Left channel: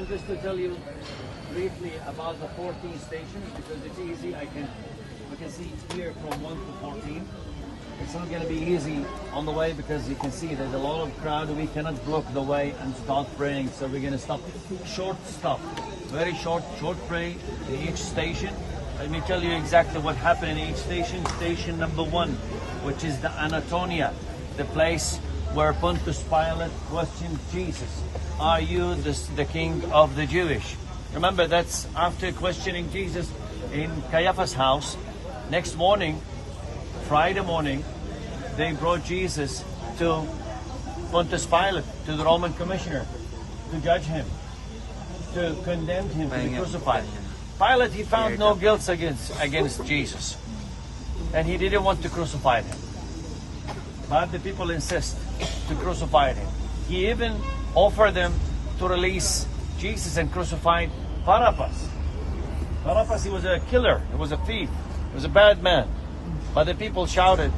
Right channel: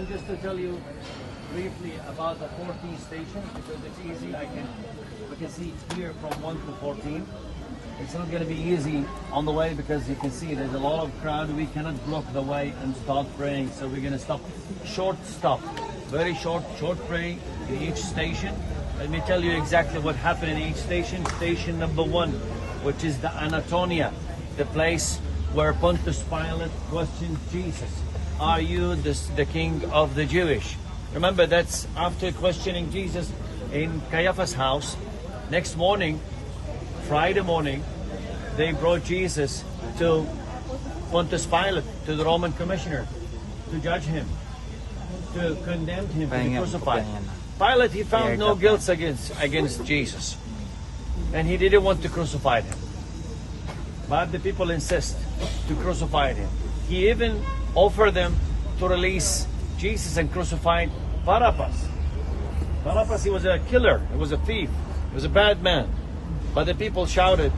want just to tell you briefly about the 14 stations because it's easy. We can see here from 1 to 14. It's not going to be easy on the way because you can see there's a lot of crowd. We cannot block the way and start praying. So we're going to stop. Short stop. Very short pray in each station. Let me tell you exactly what happened in each station. Station number 1, which is the Anatolia, the place where Pontius Pilate questioned Jesus. Are you the king of the Jewish? Remember, that's after questioning Jesus in Caiaphas' house. Next morning, Friday morning, they brought Jesus to Pontius Pilate, to the Roman commissioner, to judge him, to condemn him to be crucified. Pilate, he found no guilt against Jesus, and he didn't want to crucify him. But the people insist to crucify him. He even offered them to release Jesus and crucify Barabbas. Barabbas, he was a killer, he was a thief, he was a bad man. But the people shouted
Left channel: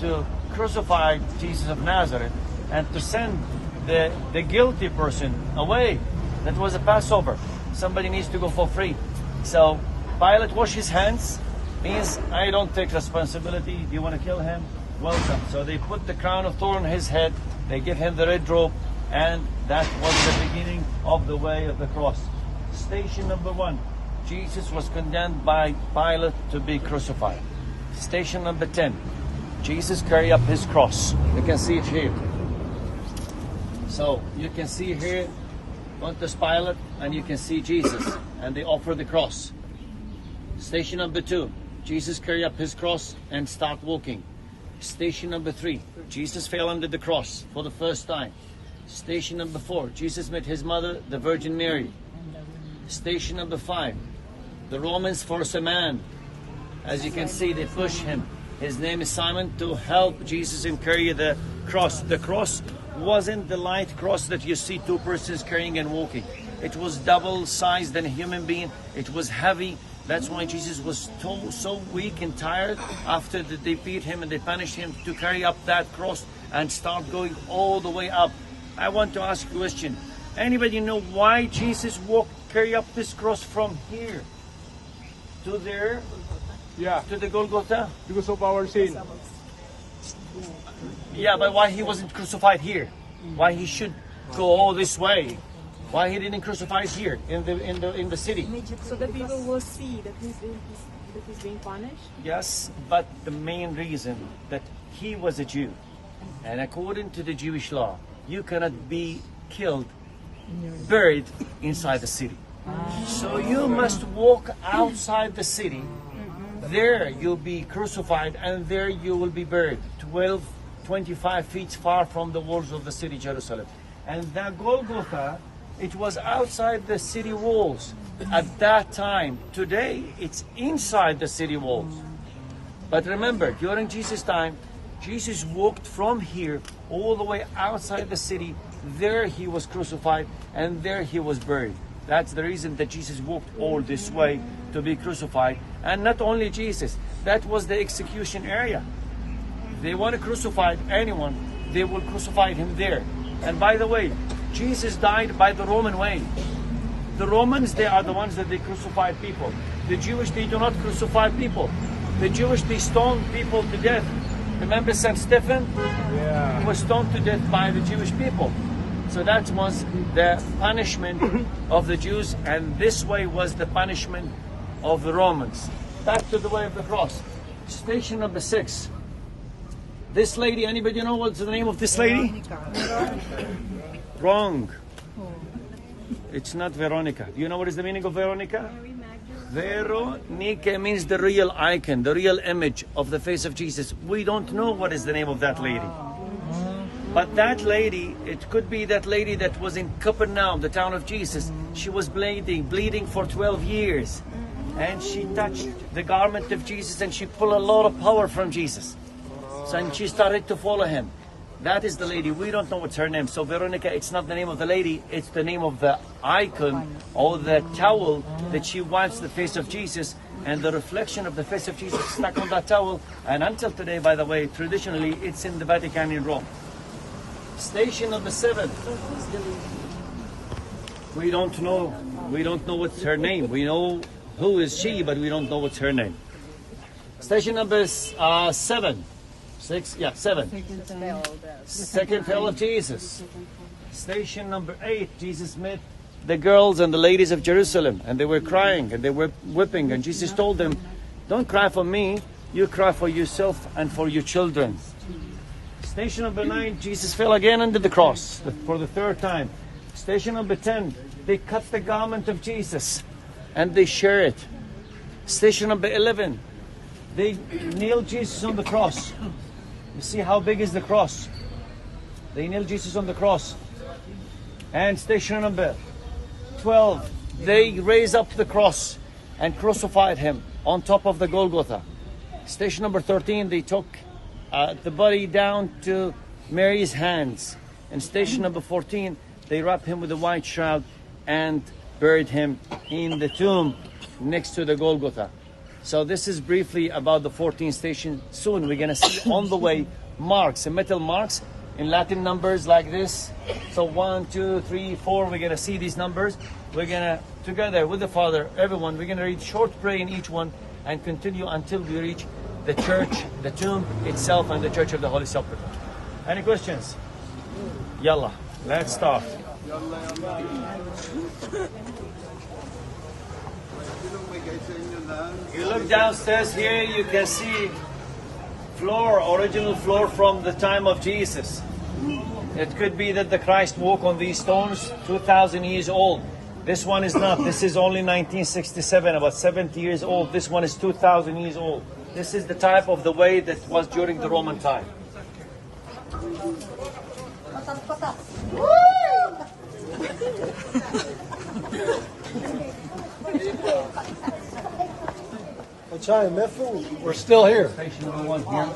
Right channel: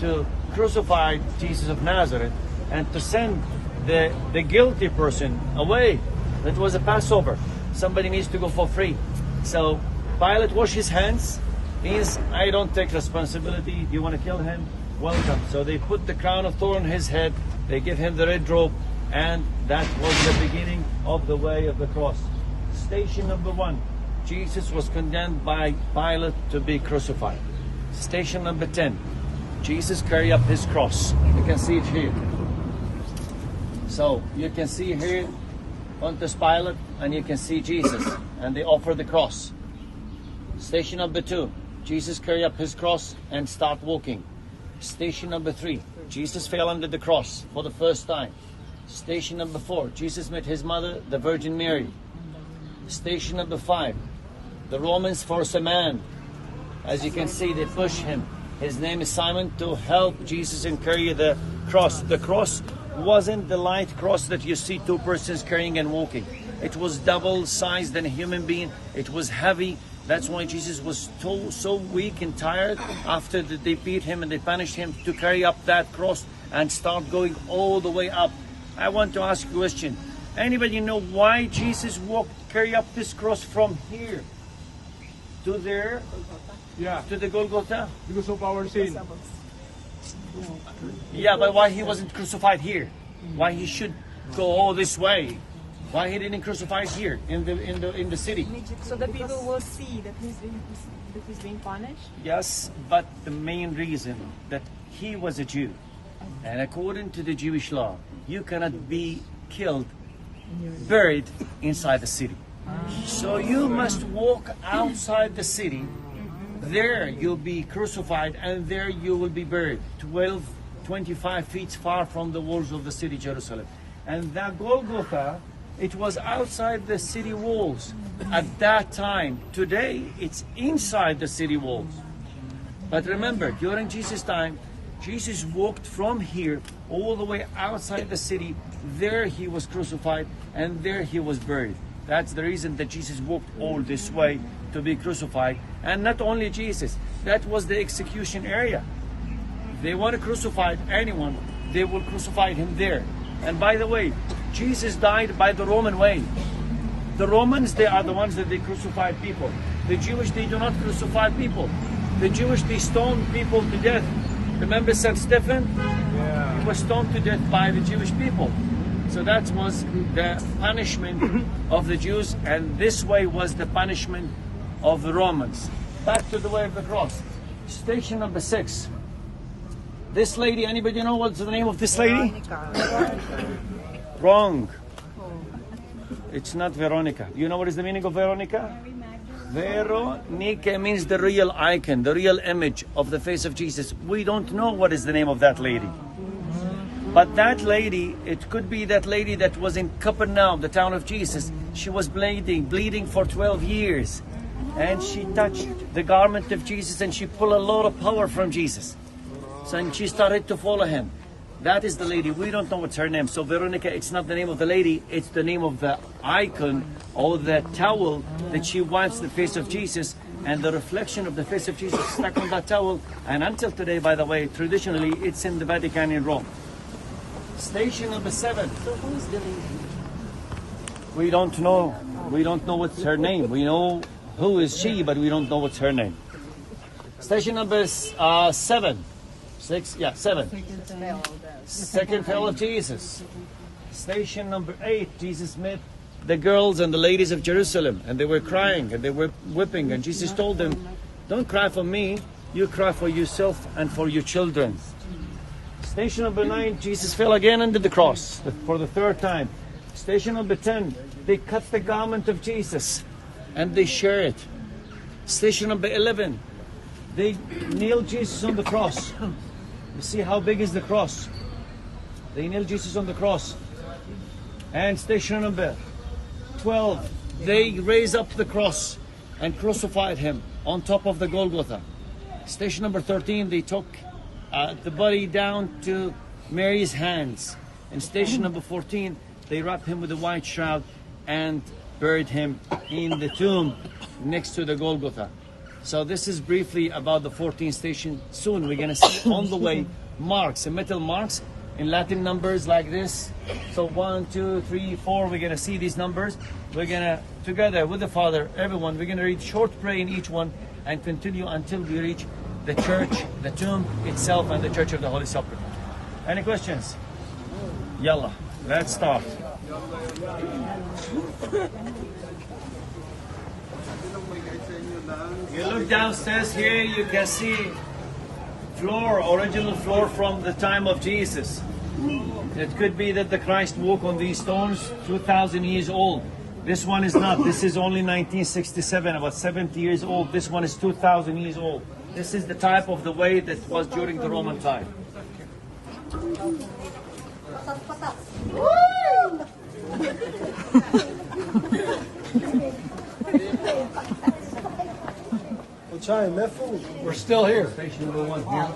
to crucify Jesus of Nazareth and to send the guilty person away. That was a Passover. Somebody needs to go for free. So Pilate washed his hands. He says, I don't take responsibility. Do you want to kill him? Welcome. So they put the crown of thorn on his head. They give him the red robe. And that was the beginning of the way of the cross. Station number 1. Jesus was condemned by Pilate to be crucified. Station number 10. Jesus carried up his cross. You can see it here. So you can see here Pontius Pilate and you can see Jesus. And they offer the cross. Station number 2. Jesus carried up his cross and start walking. Station number 3. Jesus fell under the cross for the first time. Station number 4. Jesus met his mother, the Virgin Mary. Station number 5. The Romans force a man. As you can see, they push him. His name is Simon, to help Jesus and carry the cross. The cross wasn't the light cross that you see 2 persons carrying and walking. It was double sized than a human being. It was heavy. That's why Jesus was so weak and tired after they beat him and they punished him to carry up that cross and start going all the way up. I want to ask you a question. Anybody know why Jesus carry up this cross from here to there? Yeah. To the Golgotha? Because of our sin. Yeah, but why he wasn't crucified here? Why he should go all this way? Why he didn't crucify here in the city? So that people will see that he's being punished? Yes, but the main reason that he was a Jew, and according to the Jewish law, you cannot be killed, buried inside the city. So you must walk outside the city. There you'll be crucified and there you will be buried 25 feet far from the walls of the city Jerusalem. And that Golgotha, it was outside the city walls at that time. Today it's inside the city walls. But remember, during Jesus' time, Jesus walked from here all the way outside the city. There he was crucified and there he was buried. That's the reason that Jesus walked all this way to be crucified. And not only Jesus, that was the execution area. If they want to crucify anyone, they will crucify him there. And by the way, Jesus died by the Roman way. The Romans, they are the ones that they crucify people. The Jewish, they do not crucify people. The Jewish, they stone people to death. Remember St. Stephen? He was stoned to death by the Jewish people. So that was the punishment of the Jews, and this way was the punishment of the Romans. Back to the way of the cross. Station number 6. This lady, anybody know what's the name of this lady? Wrong. It's not Veronica. Do you know what is the meaning of Veronica? Veronica means the real icon, the real image of the face of Jesus. We don't know what is the name of that lady. But that lady, it could be that lady that was in Capernaum, the town of Jesus. She was bleeding for 12 years. And she touched the garment of Jesus and she pulled a lot of power from Jesus. So and she started to follow him. That is the lady. We don't know what's her name. So Veronica, it's not the name of the lady. It's the name of the icon or the towel that she wants the face of Jesus. And the reflection of the face of Jesus stuck on that towel. And until today, by the way, traditionally, it's in the Vatican in Rome. Station number 7. We don't know. We don't know what's her name. We know who is she, but we don't know what's her name. Station number 7. 6, yeah, 7. Second spell of Jesus. Station number 8, Jesus met the girls and the ladies of Jerusalem, and they were crying and they were weeping, and Jesus told them, don't cry for me, you cry for yourself and for your children. Station number 9, Jesus fell again under the cross for the 3rd time. Station number 10, they cut the garment of Jesus and they share it. Station number 11, they nailed Jesus on the cross. You see how big is the cross? They nailed Jesus on the cross. And station number 12, they raised up the cross and crucified him on top of the Golgotha. Station number 13, they took the body down to Mary's hands. And station number 14, they wrapped him with a white shroud and buried him in the tomb next to the Golgotha. So this is briefly about the 14th station. Soon we're going to see on the way marks, metal marks in Latin numbers like this. So 1, 2, 3, 4, we're going to see these numbers. We're going to, together with the Father, everyone, we're going to read short prayer in each one and continue until we reach the church, the tomb itself, and the Church of the Holy Sepulchre. Any questions? Yalla, let's start. You look downstairs here, you can see original floor from the time of Jesus. It could be that the Christ walked on these stones 2,000 years old. This one is not. This is only 1967, about 70 years old. This one is 2,000 years old. This is the type of the way that was during the Roman time. We're still here. Station number 1 here.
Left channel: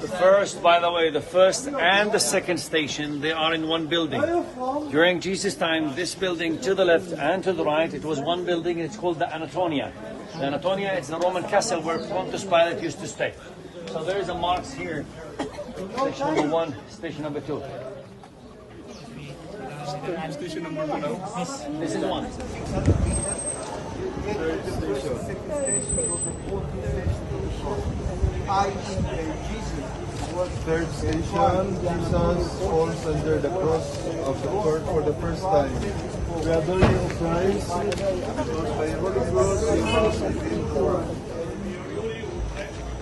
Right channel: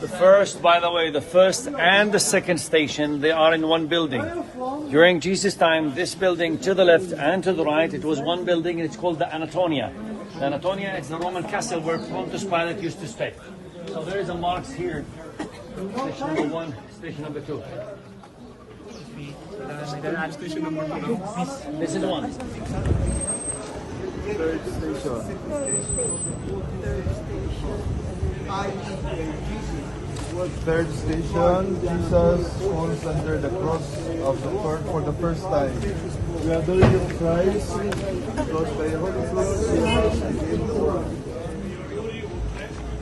The first, by the way, the first and the second station, they are in one building. During Jesus' time, this building to the left and to the right, it was one building, and it's called the Anatolia. The Anatolia is the Roman castle where Pontius Pilate used to stay. So there is a marks here. Station number 1, station number 2. Station number 2. This is 1. Third station. Third station, Jesus falls under the cross of for the first time. We adore you, O Christ, because by the Holy Cross you have redeemed the world.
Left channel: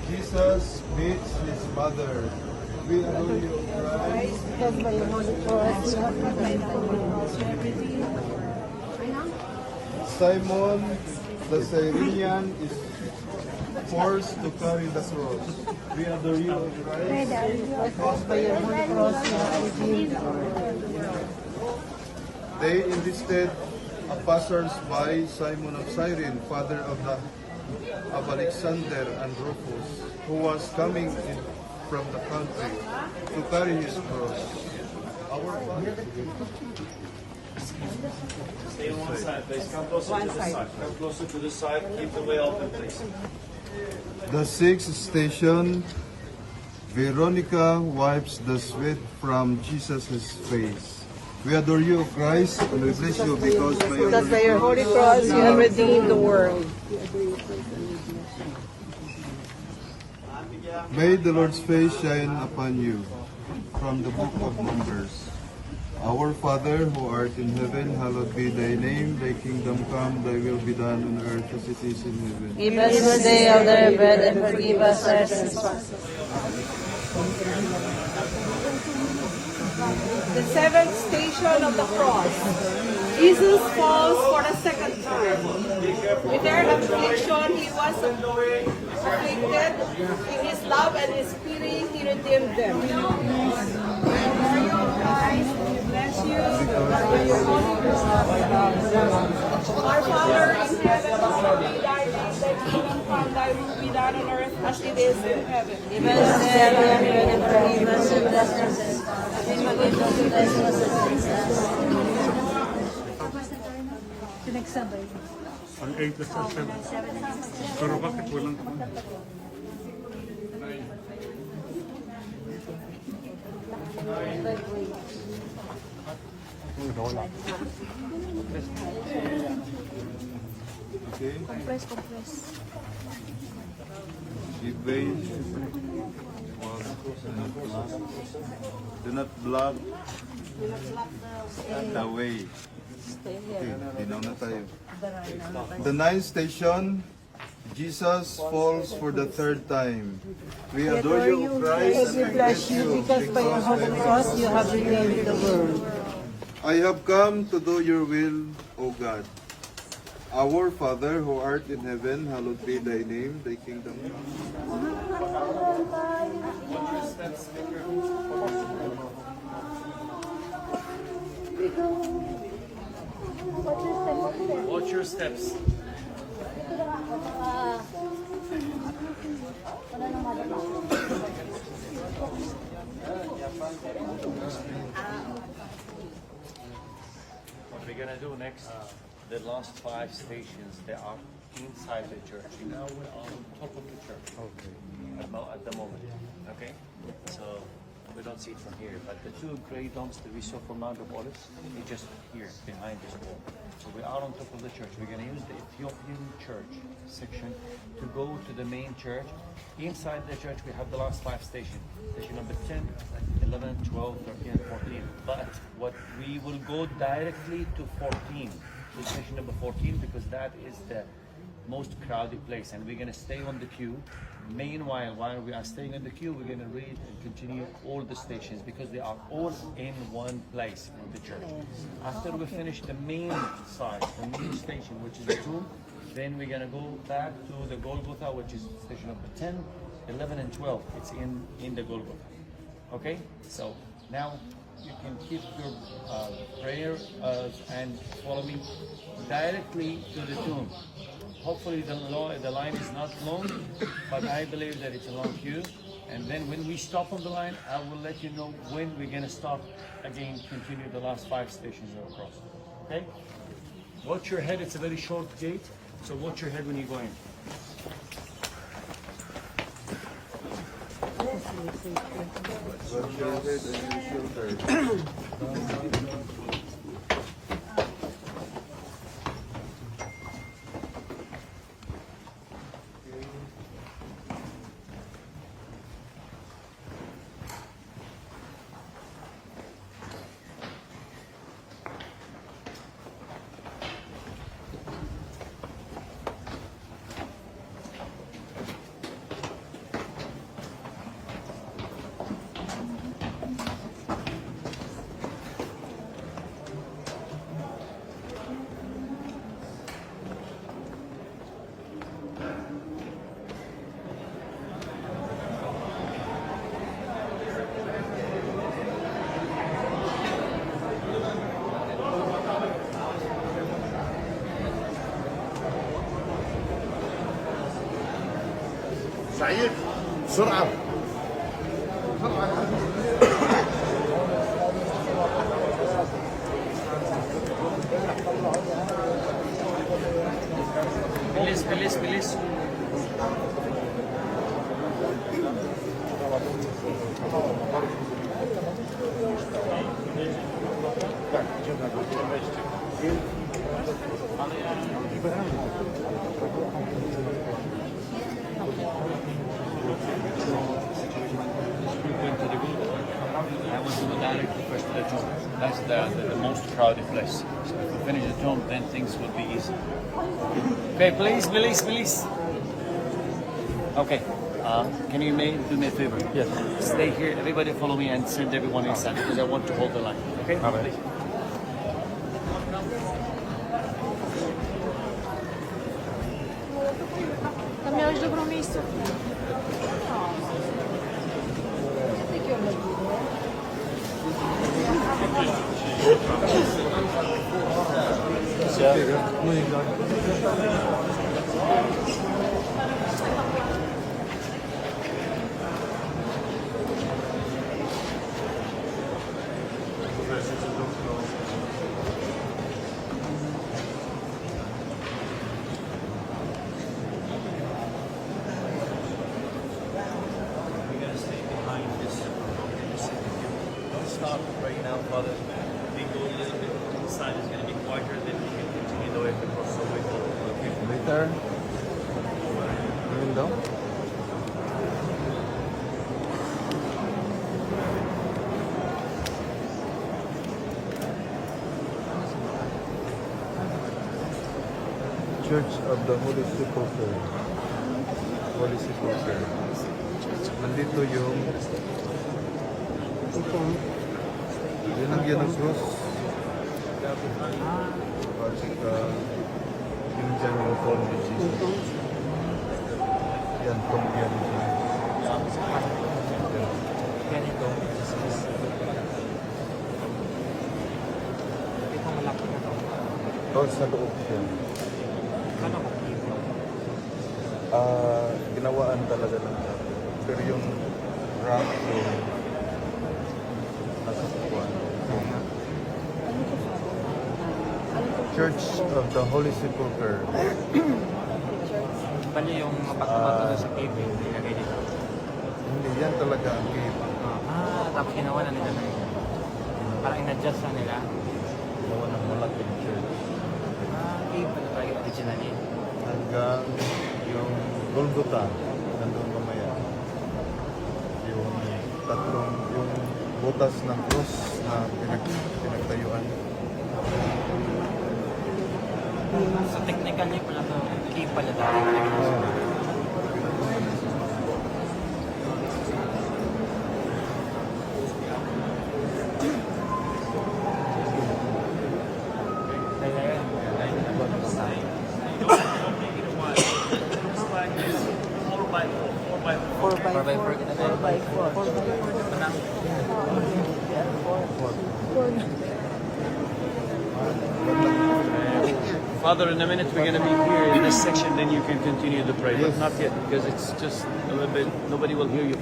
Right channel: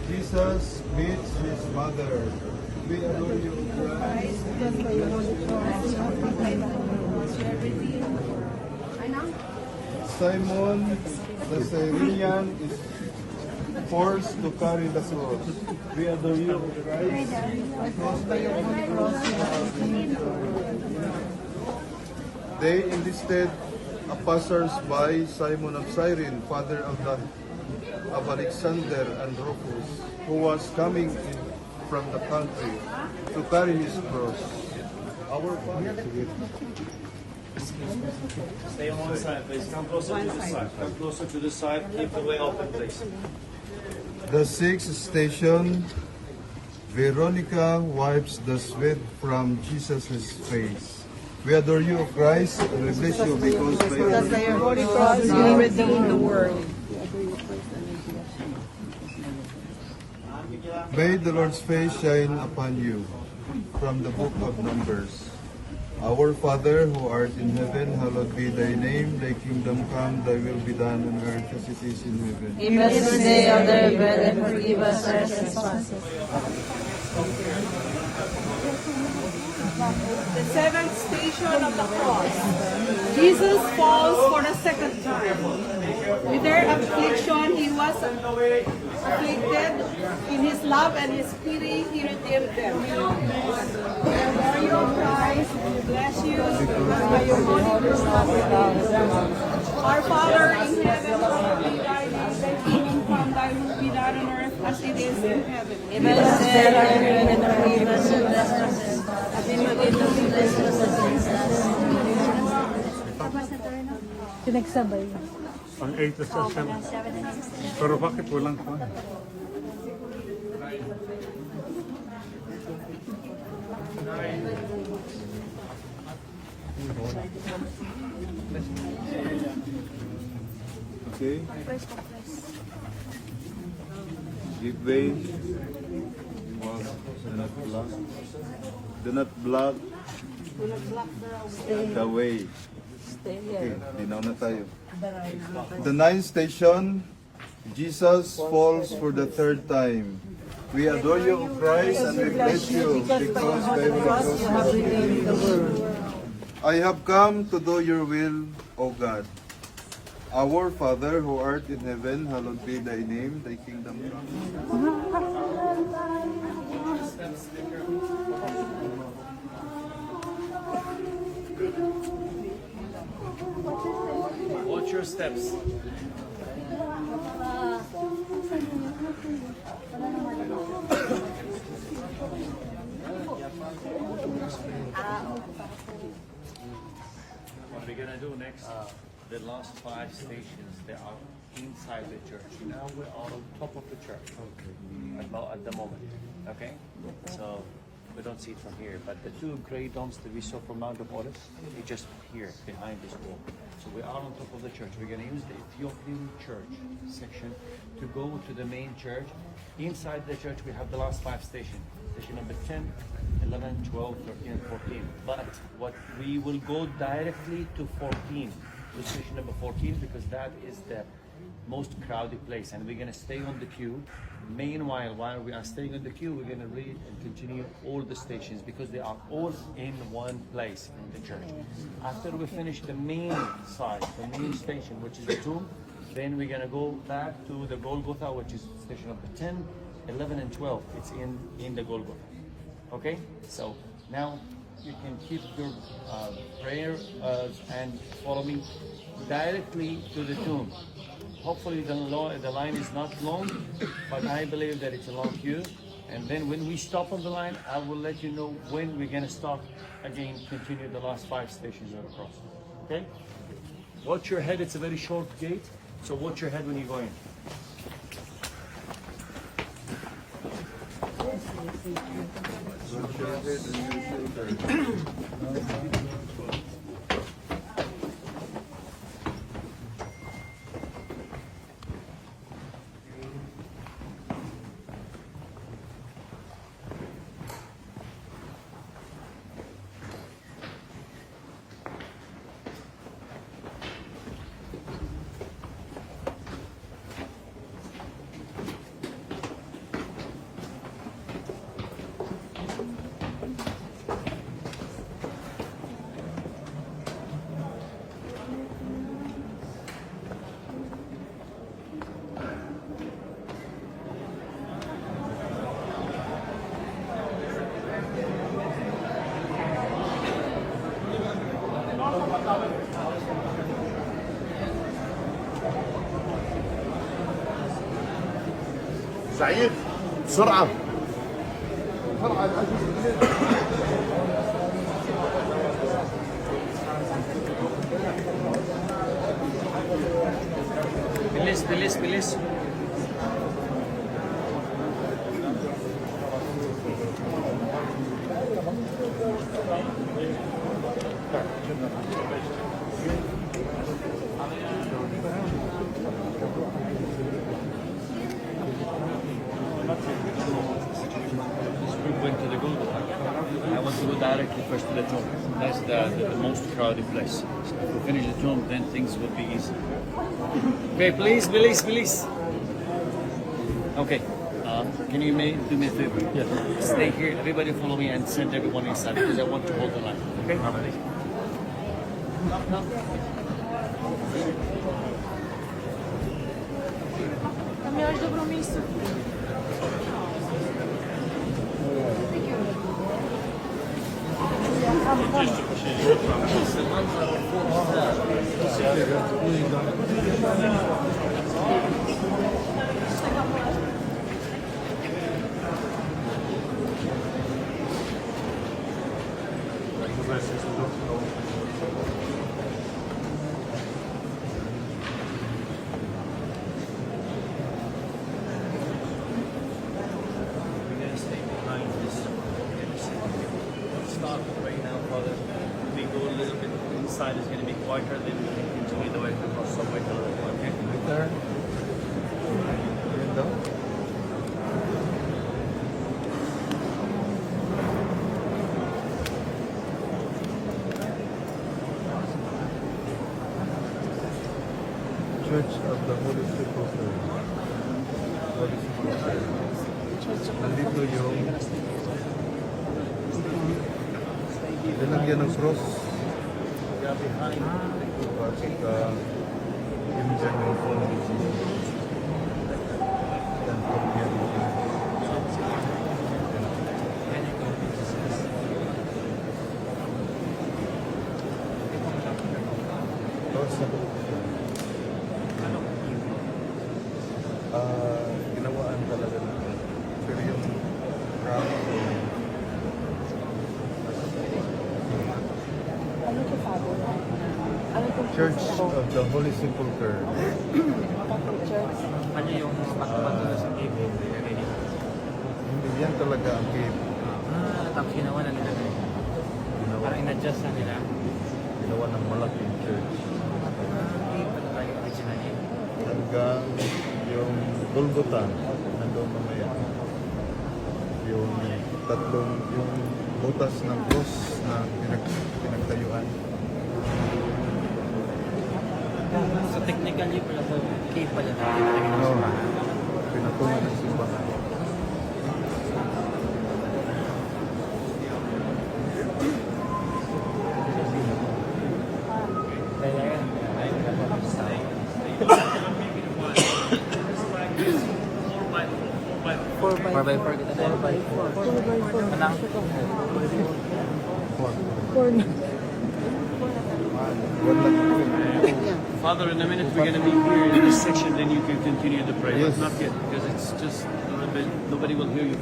Jesus meets his mother. We adore you, O Christ, because by the Holy Cross you have redeemed the world. Simon the Cyrenian is forced to carry the cross. We adore you, O Christ, because by the Holy Cross you have redeemed the world. They enlisted a passers-by, Simon of Cyrene, father of Alexander and Rufus, who was coming in from the country to carry his cross. Our Father. Stay on one side, please. Come closer to this side. Come closer to this side. Keep the way open, please. The sixth station, Veronica wipes the sweat from Jesus' face. We adore you, O Christ, and we bless you because by your Holy Cross you have redeemed the world. May the Lord's face shine upon you. From the book of Numbers. Our Father, who art in heaven, hallowed be thy name. Thy kingdom come, thy will be done on earth as it is in heaven. Give us this day our daily bread, and forgive us our trespasses. The 7th station of the cross. Jesus falls for the 2nd time. With their affliction, he was afflicted. In his love and his pity, he redeemed them. Are you Christ? We bless you. By your holy cross, our Father in heaven, hallowed be thy name. Thy kingdom come, thy will be done on earth as it is in heaven. Give us this day our daily bread, and forgive us our trespasses. And forgive us our trespasses against us. Pinagsabay. Ang 8 station. Pero bakit walang Okay. Give way. Do not block. Do not block the way. Okay, dinaw na tayo. The ninth station, Jesus falls for the third time. We adore you, O Christ, and we bless you because by your cross you have redeemed the world. I have come to do your will, O God. Our Father who art in heaven, hallowed be thy name, thy kingdom come. Watch your steps. What we're gonna do next, the last 5 stations that are inside the church. Now we're on top of the church. Okay. Not at the moment. Okay? So we don't see it from here. But the 2 grey domes that we saw from Nagapolis, it's just here, behind this wall. So we are on top of the church. We're gonna use the Ethiopian church section to go to the main church. Inside the church we have the last 5 stations. Station number 10, 11, 12, 13, and 14. But what we will go directly to 14, to station number 14, because that is the most crowded place, and we're going to stay on the queue. Meanwhile, while we are staying on the queue, we're going to read and continue all the stations because they are all in one place in the church. After we finish the main side, the main station, which is the tomb, then we're going to go back to the Golgotha, which is station number 10, 11, and 12. It's in the Golgotha. Okay, so now you can keep your prayer and follow me directly to the tomb. Hopefully the line is not long, but I believe that it's a long queue. And then when we stop on the line, I will let you know when we're going to start again, continue the last 5 stations across. Okay? Watch your head. It's a very short gate, so watch your head when you go in. سعيد بسرعة Bilis. Went to the Golgotha. I want to go directly first to the tomb. That's the most crowded place. So if we finish the tomb, then things will be easy. Okay, please. Okay. Can you do me a favor? Yes. Stay here. Everybody follow me and send everyone inside because I want to hold the line. Okay? Please. No. like the cross somewhere. Later. Church of the Holy Sepulchre. Holy Sepulchre. Nandito yung linagyan ng cross. At saka yung dyan yung phone ni Jesus. Yan po yung ganito. Tapos nag-option. Ano ko? Nawaan talaga lang. Pero yung rami yung nasa bawah. Ano to, Father? Ano to? Church of the Holy Sepulchre. Catholic Church? Kanya yung sa cave. Hindi yan talaga ang cave. Tapos ginawa na lang. Ginawa, Parang in-adjust na nila. ginawa ng malaking church. Original yan. Hanggang yung Golgotha, nandoon mamaya. Yung yung butas ng cross na pinagtayuan. So technically pala to, cave pala tayo. Pinatungan ng simbahan. Kaya yan. Tapos tayo. 4x4 kita na. 4x4 na lang. Father, in a minute we're going to be here in this section, then you can continue the prayer. Not yet, because it's just a little bit, nobody will hear you.